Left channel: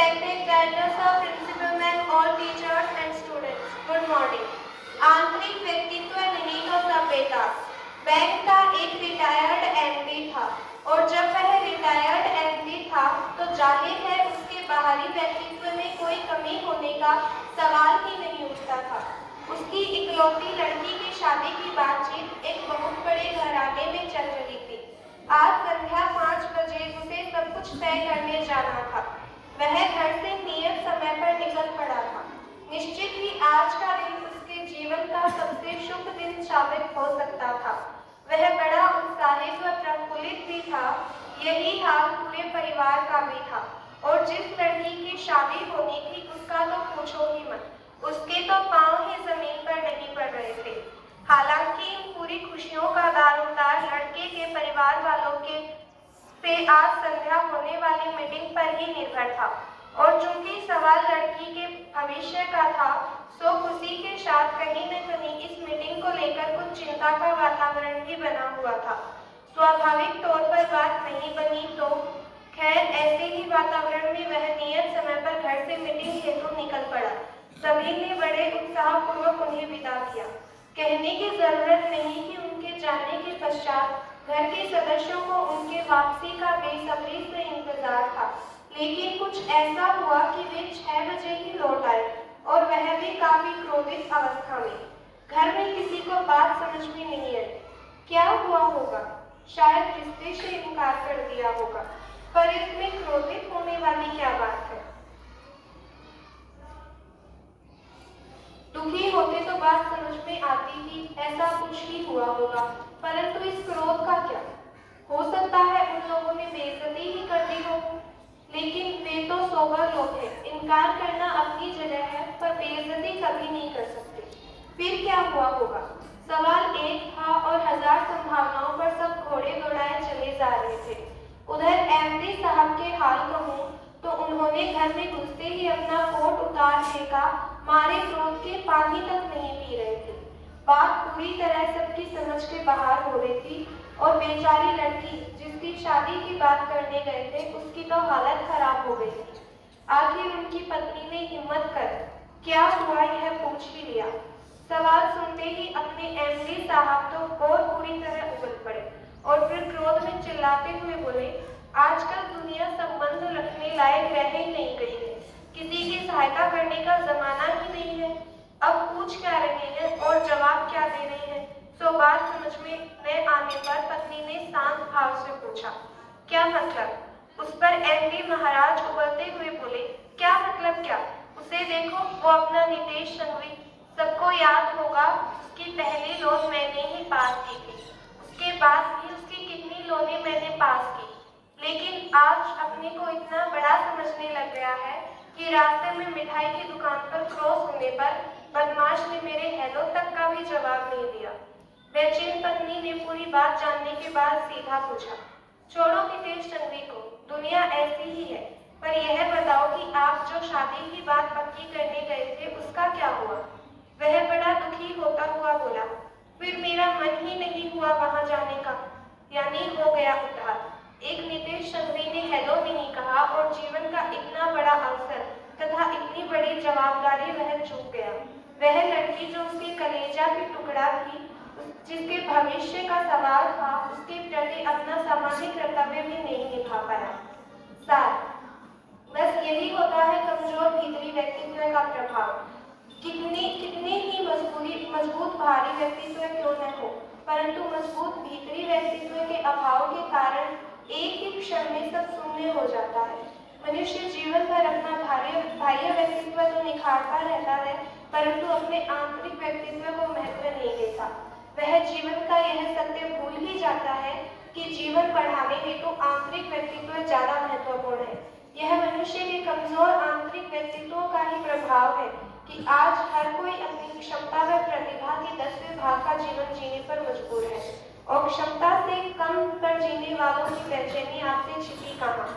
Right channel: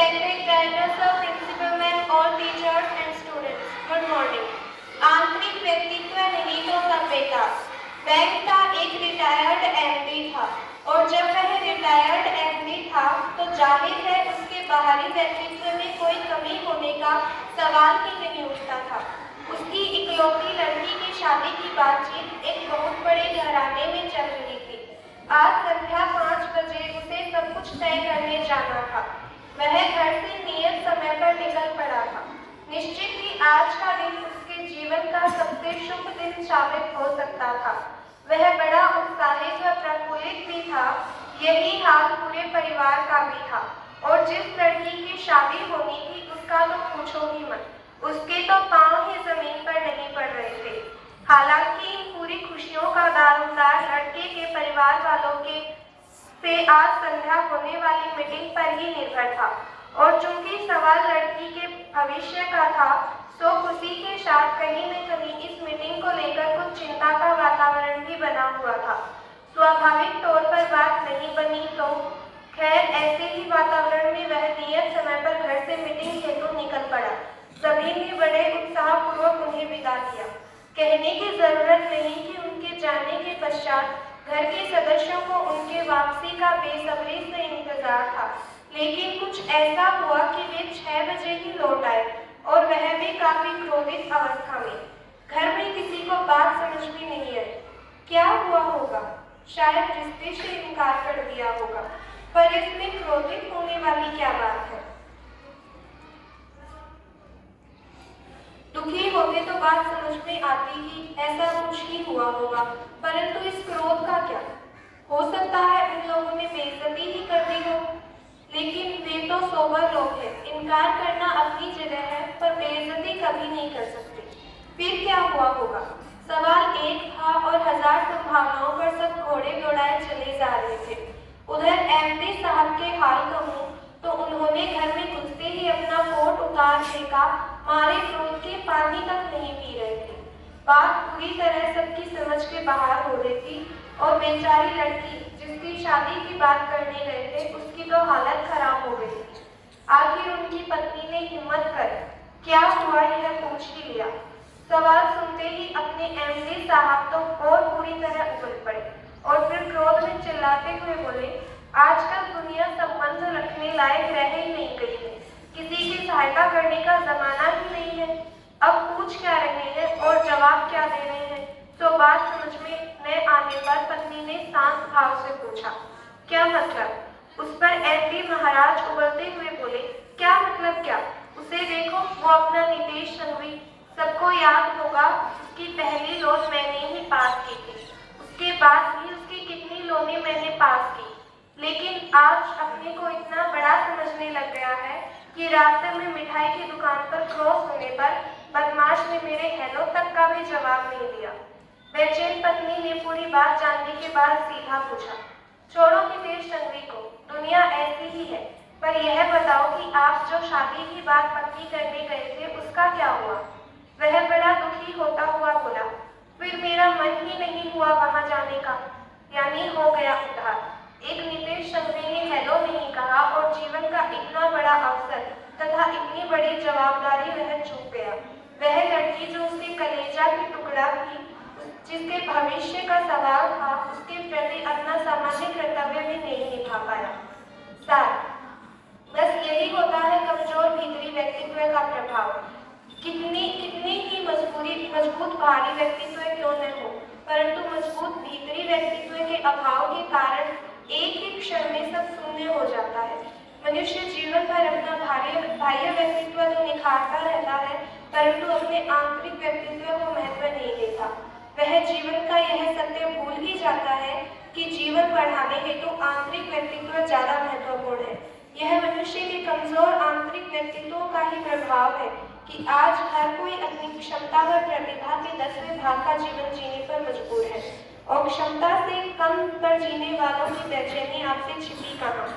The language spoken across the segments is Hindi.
Respected guidance of principal men, all teachers and students, good morning. आंतरिक व्यक्तित्व नहीं तो सब बेकार। बैंक का एक रिटायर्ड एमडी था और जब वह रिटायर्ड एमडी था तो जाहिर है उसके बाहरी व्यक्तित्व में कोई कमी होने का सवाल ही नहीं उठता था। उसकी इकलौती लड़की की शादी की बातचीत एक बहुत बड़े घराने में चल रही थी। आज संध्या 5 बजे उसे सब कुछ तय करने जाना था। वह घर से नियत समय पर निकल पड़ा था। निश्चित ही आज का दिन उसके जीवन का सबसे शुभ दिन साबित हो सकता था। वह बड़ा उत्साहित व प्रफुल्लित भी था। यही हाल पूरे परिवार का भी था और जिस लड़की की शादी होनी थी उसका तो पूछो ही मत। उसके तो पांव ही जमीन पर नहीं पड़ रहे थे। हालांकि इन पूरी खुशियों का दारोमदार लड़के के परिवार वालों के से आज संध्या होने वाली मीटिंग पर ही निर्भर था और चूंकि सवाल लड़की के भविष्य का था तो उसी के साथ कहीं न कहीं इस मीटिंग को लेकर कुछ चिंता का वातावरण भी बना हुआ था। स्वाभाविक तौर पर बात नहीं बनी तो खैर ऐसे ही वातावरण में वह नियत समय पर घर से मीटिंग हेतु निकल पड़ा। सभी ने बड़े उत्साहपूर्वक उन्हें विदा किया। कहने की जरूरत नहीं कि उनके जाने के पश्चात घर के सदस्यों को उनके वापसी का बेसब्री से इंतजार था, लेकिन कुछ ऐसा हुआ कि वे 6 बजे ही लौट आए और वह भी काफी क्रोधित अवस्था में। घर में किसी को बात समझ में नहीं आई। क्या हुआ होगा? शायद रिश्ते से इनकार कर दिया होगा, पर इसमें क्रोधित होने वाली क्या बात है? दुखी होते तो बात समझ में आती ही, ऐसा कुछ ही हुआ होगा, परंतु इस क्रोध का क्या? हो सकता है उन लोगों ने बेइज्जती ही कर दी हो, लेकिन वे तो सोबर लोग हैं। इनकार करना अपनी जगह है, पर बेइज्जती कभी नहीं कर सकते। फिर क्या हुआ होगा? सवाल एक था और हजार संभावनाओं पर सब घोड़े दौड़ाए चले जा रहे थे। उधर एमडी साहब के हाल कहूँ तो उन्होंने घर में घुसते ही अपना कोट उतार फेंका, मारे क्रोध के पानी तक नहीं पी रहे थे। बात पूरी तरह सबकी समझ के बाहर हो रही थी और बेचारी लड़की जिसकी शादी की बात करने गए थे उसकी तो हालत खराब हो गई थी। आखिर उनकी पत्नी ने हिम्मत कर क्या हुआ यह पूछ ही लिया। सवाल सुनते ही अपने एमडी साहब तो और पूरी तरह उबल पड़े और फिर क्रोध में चिल्लाते हुए बोले, आजकल दुनिया संबंध रखने लायक रह ही नहीं गई है। किसी की सहायता करने का जमाना ही नहीं है। अब पूछ क्या रहे हैं और जवाब क्या दे रहे हैं? तो बात समझ में न आने पर पत्नी ने शांत भाव से पूछा, क्या मतलब? उस पर एमडी महाराज उबलते हुए बोले, क्या मतलब क्या? उसे देखो, वो अपना नितेश संघवी, सबको याद होगा उसकी पहली लोन मैंने ही पास की थी। उसके बाद भी उसकी कितनी लोनें मैंने पास की, लेकिन आज अपने को इतना बड़ा समझने लग गया है कि रास्ते में मिठाई की दुकान पर क्रॉस होने पर बदमाश ने मेरे हेलो तक का भी जवाब नहीं दिया। बेचैन पत्नी ने पूरी बात जानने के बाद सीधा पूछा, छोड़ो नितेश संघवी को, दुनिया ऐसी ही है, पर यह बताओ कि आप जो शादी की बात पक्की करने गए थे उसका क्या हुआ? वह बड़ा दुखी होता हुआ बोला, फिर मेरा मन ही नहीं हुआ वहां जाने का, यानी हो गया उधार। एक नितेश संघवी ने हेलो नहीं कहा और जीवन का इतना बड़ा अवसर तथा इतनी बड़ी जवाबदारी वह चूक गया। वह लड़की जो उसके कलेजा की टुकड़ा थी, जिसके भविष्य का सवाल था, उसके प्रति अपना सामान्य कर्तव्य भी नहीं निभा पाया। साथ बस यही होता है कमजोर भीतरी व्यक्तित्व का प्रभाव। कितने ही मजबूत बाहरी व्यक्तित्व क्यों न हो, परंतु मजबूत भीतरी व्यक्तित्व के अभाव के कारण एक ही क्षण में सब शून्य हो जाता है। मनुष्य जीवन भर अपना बाह्य व्यक्तित्व तो निखारता रहता है, परंतु अपने आंतरिक व्यक्तित्व को महत्व नहीं देता। वह जीवन का यह सत्य भूल ही जाता है कि जीवन बढ़ाने हेतु आंतरिक व्यक्तित्व ज्यादा महत्वपूर्ण है। यह मनुष्य के कमजोर आंतरिक व्यक्तित्व का ही प्रभाव है कि आज हर कोई अपनी क्षमता व प्रतिभा के 10वें भाग का जीवन जीने पर मजबूर है और क्षमता से कम पर जीने वालों की बेचैनी आपसे छिपी कहाँ।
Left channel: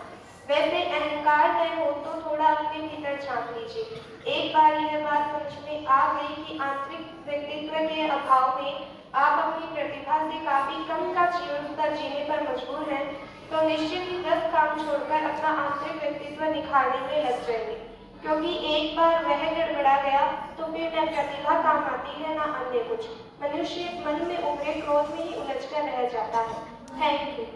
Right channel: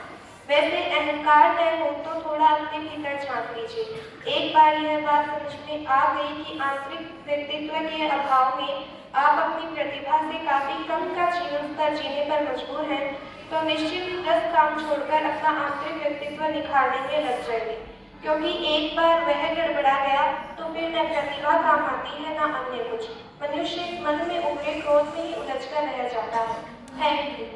वैसे अहंकार न हो तो थोड़ा अपने भीतर झांक लीजिए। एक बार यह बात समझ में आ गई कि आंतरिक व्यक्तित्व के अभाव में आप अपनी प्रतिभा से काफी कम का जीवन स्तर जीने पर मजबूर हैं, तो निश्चित ही 10 काम छोड़कर अपना आंतरिक व्यक्तित्व निखारने में लग जाएंगे, क्योंकि एक बार वह गड़बड़ा गया तो फिर न प्रतिभा काम आती है, न अन्य कुछ। मनुष्य मन में उभरे क्रोध में ही उलझकर रह जाता है। Thank you.